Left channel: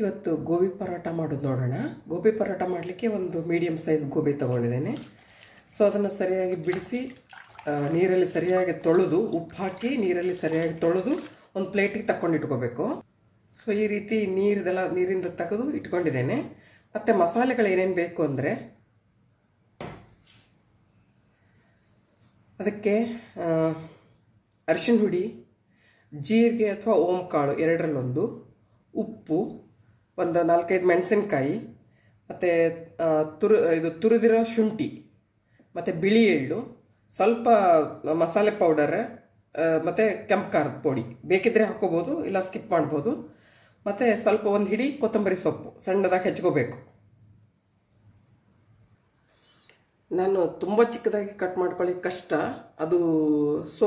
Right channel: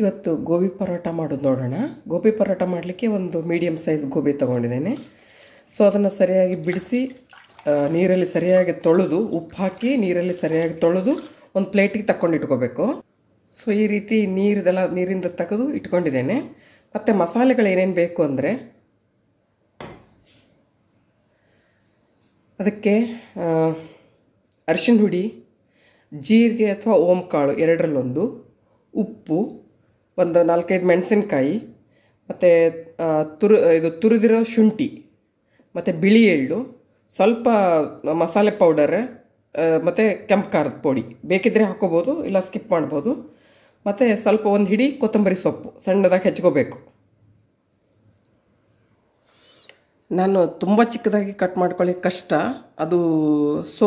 ಇವತ್ತು ಗೋಬಿ ಪರೋಟ ಮಾಡೋದು ನೋಡೋಣ. ಗೋಬಿ ಪರೋಟ ಮಾಡಲಿಕ್ಕೆ ಒಂದು ಮೀಡಿಯಮ್ ಸೈಜ್ ಗೋಬಿ ತೊಗೊಂಡಿದ್ದೇನೆ. ಸೊ ಅದನ್ನು ಸರಿಯಾಗಿ ಬಿಡಿಸಿ ನೀರಲ್ಲಿ ಸರಿಯಾಗಿ ತೊಳೆದು ಉಪ್ಪು ಹಾಕಿ ನೀರಲ್ಲಿ ಸರಿಯಾಗಿ ತೊಳೆದು ಒಂದು ಪ್ಲೇಟಿಗೆ ತಗೊಂಡು ಇಟ್ಕೋಬೇಕು. ಸೊ ಈ ರೀತಿ ನೀರಿಂದ ತೆಗೆದು ಇಟ್ಕೊಂಡಿದ್ದೇನೆ. ಮತ್ತು ಮಸಾಲೆಗಳು ಏನೇನು ಬೇಕು ಅಂದರೆ ಅದಕ್ಕೆ ಅರಿಶಿನ ಹುಡಿ, ಜೀರಿಗೆ ಅಥವಾ ಓಂಕಾಳು ಎರಡರಲ್ಲೊಂದು, ಉಪ್ಪು, ಒಂದು 4-5 ಮೆಣಸಿನಕಾಯಿ, ಮತ್ತು ತುರಿದಿರೋ ಶುಂಠಿ, ಮತ್ತು ಬಿಳಿ ಎಳ್ಳು, ಸ್ವಲ್ಪ ಮಸಾಲೆ ಪೌಡರ್, ಮತ್ತು ಕೆಂಪು ಖಾರದ ಪುಡಿ ಬೇಕಿದ್ದರೆ ಹಾಕ್ಕೋಬೋದು, ಇಲ್ಲ ಸ್ಕಿಪ್ ಮಾಡ್ಬೋದು. ಮತ್ತು ಸ್ವಲ್ಪ ಒಂದು ಹಿಡಿ ಕೊತ್ತಂಬರಿ ಸೊಪ್ಪು ಸಣ್ಣದಾಗಿ ಹೆಚ್ಕೋಬೇಕು. ನಾನು ತುಂಬ ಚಿಕ್ಕದಾಗಿ ಕಟ್ ಮಾಡ್ಕೊಳ್ಳಿಕ್ಕೆ ಕಷ್ಟ ಅದು. ಸೊ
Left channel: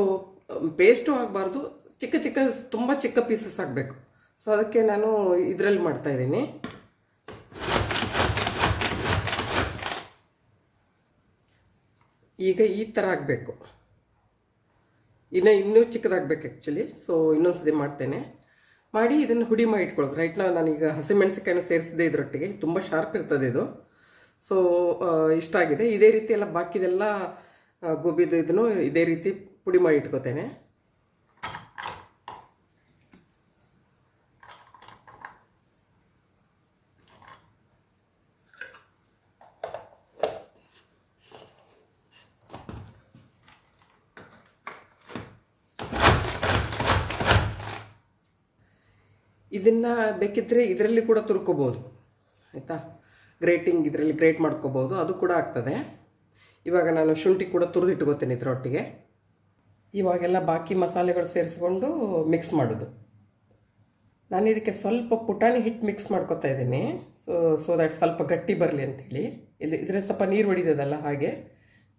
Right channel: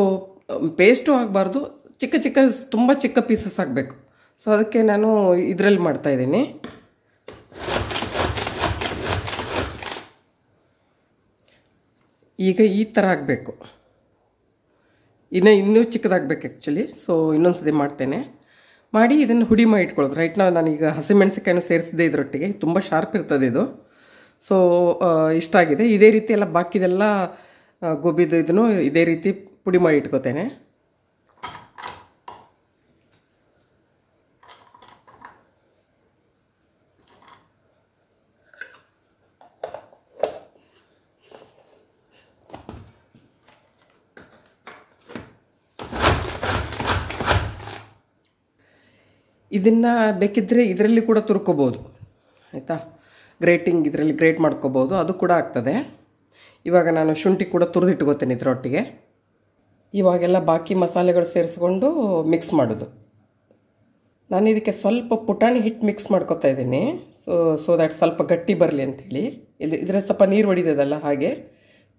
ಪೇಸ್ಟು ಆಗಬಾರ್ದು, ತುಂಬ ಚಿಕ್ಕ ಪೀಸಸ್ ಆಗಬೇಕು. ಸೊ ಅದಕ್ಕೆ ನಾನು ಇದರಲ್ಲಿ ಮಾಡ್ತಾಯಿದ್ದೀನಿ. ಈಗ ಈ ಥರ ಆಗಬೇಕು. ಇನ್ನೂ ಚಿಕ್ಕದಾಗಬೇಕು ಆ್ಯಕ್ಚುಲಿ. ಸೊ ಇನ್ನೊಂದು ಸತಿ ಮಾಡ್ತೇನೆ. ಮಾಡಿ ಇದನ್ನು ಹುಡಿ ಮಾಡಿ ಇಟ್ಕೊಳ್ಳೋದು. ರೈಟ್ ನಾನೀಗ ಹಸಿಮೆಣಸಿಕಾಯನ್ನು ಸೇರಿಸಿದೆ ಇದರೊಟ್ಟಿಗೆ. ತುಂಬ ಶಾರ್ಪ್ ಇರ್ತದೆ ಇದು. ಸೊ ಇಷ್ಟ ಆಗಿದೆ. ಇದೇ ರೀತಿ ಎಲ್ಲ ಬಾಕಿದೆಲ್ಲ ಗೋಬಿದು ಇದನ್ನು ಇದೇ ರೀತಿ ಪುಡಿ ಮಾಡಿ ಇಟ್ಕೋತೇನೆ. ಇದನ್ನು ಬೇಕಿದ್ದರೆ ಇದರಲ್ಲಿ ಕೂಡ ತುರ್ಕೋಬೋದು, ಆಯಿತಾ. ಇದರಲ್ಲಿ ಗ್ರೇಟ್ ಮಾಡ್ಕೋಬೋದು, ಅದು ಕೂಡ ಆಗ್ತದೆ. ಇವಾಗ ನಾನು ಶುಂಠಿ ಕೂಡ ತುರಿದಿಟ್ಕೋತೇನೆ ಇದರೊಟ್ಟಿಗೆ. ಇವಾಗೆಲ್ಲ ಬಾಕಿ ಮಸಾಲೆಗಳು ಸೇರಿಸ್ಕೊಂಡು ಮಿಕ್ಸ್ ಮಾಡೋದು. ನಾನು ಇದಕ್ಕೆ ಸ್ವಲ್ಪ ಪುಟಾಣಿ ಹಿಟ್ಟು ಮಿಕ್ಸ್ ಮಾಡ್ಕೊತಾ ಇದ್ದೀನಿ. ಸೊ ದ್ಯಾಟ್ ಸ್ವಲ್ಪ ಗಟ್ಟಿ ಬರಲಿ ಅಂಥೇಳಿ. ಇದರ ಸ್ವಲ್ಪ ನೀರು ಹೊಡಿದದಲ್ಲ, ಹಾಗೆ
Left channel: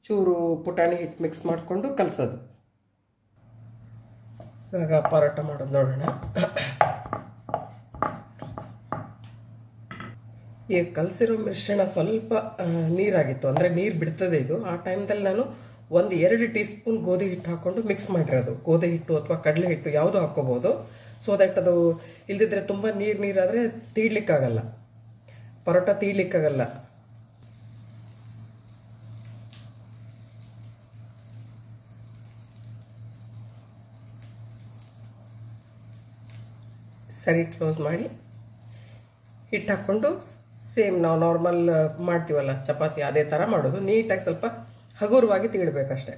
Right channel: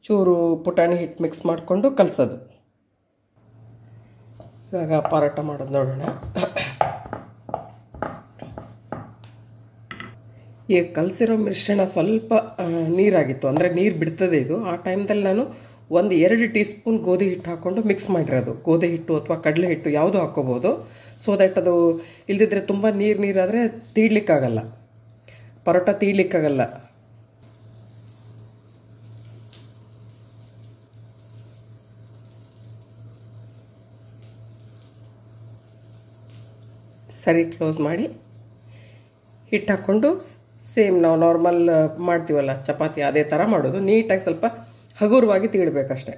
ಚೂರು ಪುಟಾಣಿ ಹಿಟ್ಟು ಮಿಕ್ಸ್ ಮಾಡಿಕೊಂಡು ಕಲಸೋದು. ಇವಾಗ ಪರೋಟ ಮಾಡೋದು ನೋಡೋಣ. ಈಗ ಕಲಸಿರೋ ಮಿಶ್ರಣ ಸ್ವಲ್ಪ ನೀರಾಗಿತ್ತು, ಅಂದರೆ ನೀರು ಬಿಡ್ತದೆ ಇದು. ಆ ಟೈಮ್ದಲ್ಲಿ ನಾನು 1-2 ಟೀ ಸ್ಪೂನ್ ಗೋಧಿ ಹಿಟ್ಟು ಹಾಕ್ಕೊಂಡು ಮಿಕ್ಸ್ ಮಾಡಿರೋದು. ಗೋಧಿ ಹಿಟ್ಟು ಅಥವಾ ಕಡಲೆ ಹಿಟ್ಟು ಯಾವುದು ಹಾಕ್ಕೋಬೋದು. ಸೊ ದ್ಯಾಟ್ ಅದು ಇಲ್ಲದಿದ್ದರೆ ತುಂಬ ನೀರಾದರೆ ತೀಡ್ಲಿಕ್ಕಾಗಲ್ಲ, ಪರೋಟ ತೀಡ್ಲಿಕ್ಕಾಗಲ್ಲ. ಸರಿ ಕ್ಲೋಸ್ ಮಾಡಿ ಹಿಟ್ಟು ಹಾಕ್ಕೊಂಡು ಸೇಮ್ ನಾವು ನಾರ್ಮಲ್ ಮಾಡ್ತೀವಲ್ಲ ಚಪಾತಿ, ಅದೇ ಥರ ಮಾಡೋದು. ನೀಟಾಗಿ ಸ್ವಲ್ಪ ಹಗುರವಾಗಿ ತೀಡಬೇಕಷ್ಟೆ.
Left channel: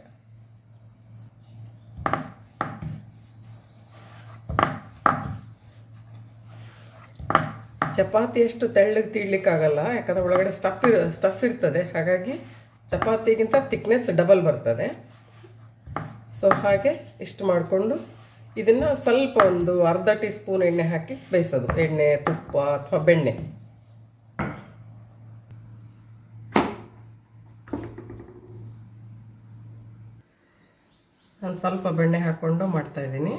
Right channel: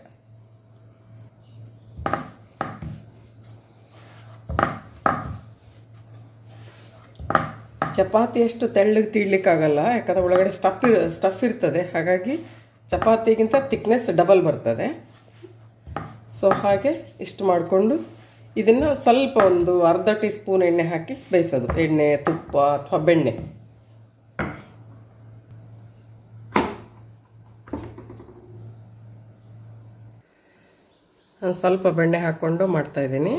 ಚಪಾತಿ ಅಷ್ಟು ತೆಳ್ಳಗೆ ತೀಡ್ಲಿಕ್ಕಾಗಲ್ಲ, ಯಾಕಂದರೆ ಒಳಗಡೆ ಸ್ಟಫ್ ಇರ್ತದೆ. ಹಾಗಾಗಿ ಚಪಾತಿಗಿಂತ ಥಿಕ್ನೆಸ್ ಡಬಲ್ ಬರ್ತದೆ. ಸೊ ಹಾಗೆ ಇಷ್ಟು ಮಾಡಿಕೊಂಡು ಇದನ್ನು ಸ್ವಲ್ಪ ಒಂದು ಅರ್ಧ ಟೀ ಸ್ಪೂನ್ ಎಣ್ಣೆ ಹಾಕಿ ಬೇಯಿಸೋದು. ಎಣ್ಣೆ, ತುಪ್ಪ ಅಥವಾ ಬೆಣ್ಣೆ. ನಾನು ಸ್ವಲ್ಪ ಬೆಣ್ಣೆ ಹಾಕ್ಕೊಂಡು ಮಾಡ್ತಾಯಿದ್ದೀನಿ.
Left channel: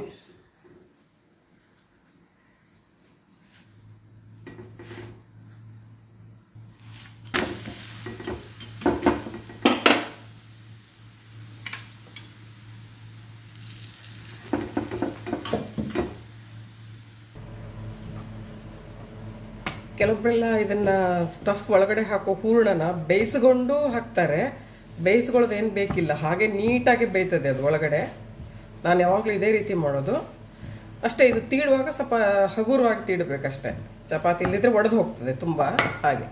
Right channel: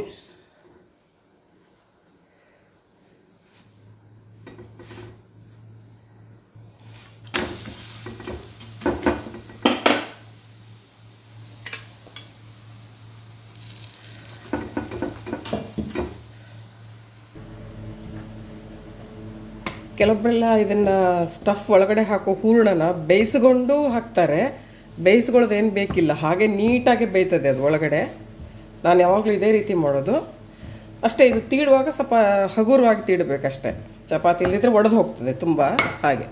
ಕೆಲವೊಬ್ಬರೆಲ್ಲ ಇದನ್ನು ಸ್ಟಫ್ ಒಳಗಡೆ ಹಾಕೋ ಹೂರಣನ ಬೇಯಿಸ್ಕೊಂಡು ಹಾಕ್ತಾರೆ. ಬೇಯಿಸ್ಕೊಳ್ಳೋದು ಏನು ಬೇಕಿಲ್ಲ, ಹಾಗೆ ನೀಟಾಗಿ ಬೇಯ್ತದೆ ಅದು ಒಳಗಡೆ. ನಾನು ಯಾವಾಗಲೂ ಇದೇ ರೀತಿ ಮಾಡೋದು ಅಷ್ಟೇ. ಇದು ತೀಡುವಾಗ ಸ್ವಲ್ಪ ಹಗುರವಾಗಿ ತೀಡಬೇಕಷ್ಟೆ. ಚಪಾತಿ ಇಲ್ಲದಿದ್ದರೆ ಒಡೆದು ಹೋಗ್ತದೆ ತುಂಬ. ಹಾಗೆ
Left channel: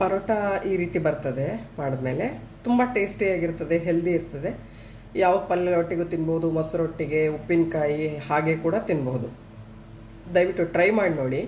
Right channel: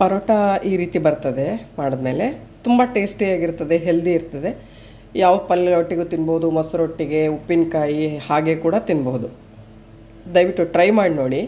ಪರೋಟ ಈ ರೀತಿ ಬರ್ತದೆ ಮಾಡಿದ್ಮೇಲೆ. ತುಂಬ ಟೇಸ್ಟಿಯಾಗಿರ್ತದೆ, ಹೆಲ್ದಿ ಇರ್ತದೆ. ಯಾವ ಪಲ್ಯ ಒಟ್ಟಿಗೂ ತಿನ್ಬೋದು, ಮೊಸರೊಟ್ಟಿಗೆ, ಉಪ್ಪಿನಕಾಯಿ ಹಾಗೆ ಕೂಡ ತಿನ್ಬೋದು. ದಯವಿಟ್ಟು ಟ್ರೈ ಮಾಡಿ ನೋಡಿ.